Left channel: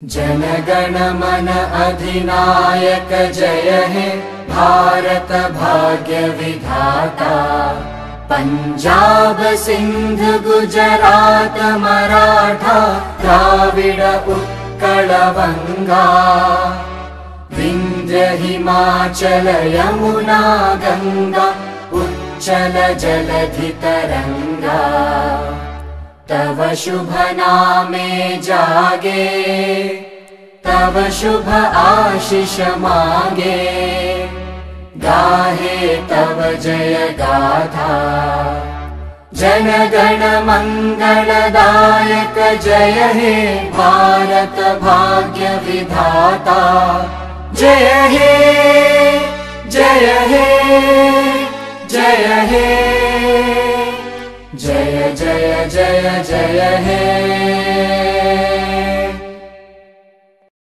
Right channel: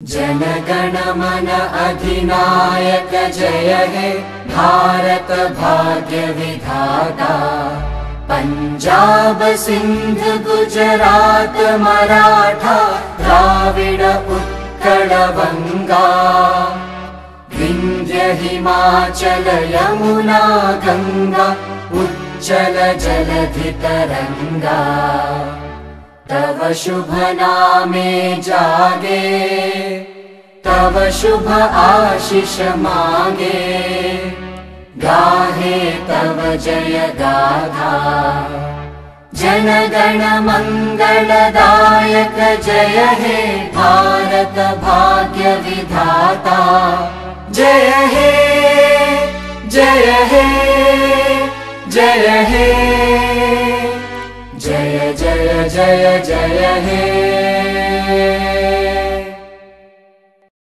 जन गण मन अधिनायक जय हे भारत भाग्य विधाता। पंजाब सिंध गुजरात मराठा द्राविड उत्कल बंगा। विंध्य हिमाचल यमुना गंगा उच्चल जलधि तरंगा। तव शुभ नामे जागे तव शुभ आशीष मांगे। गाहे तव जय गाथा जन गण मंगलदायक जय हे भारत भाग्य विधाता। जय हे जय हे जय हे जय जय जय जय हे।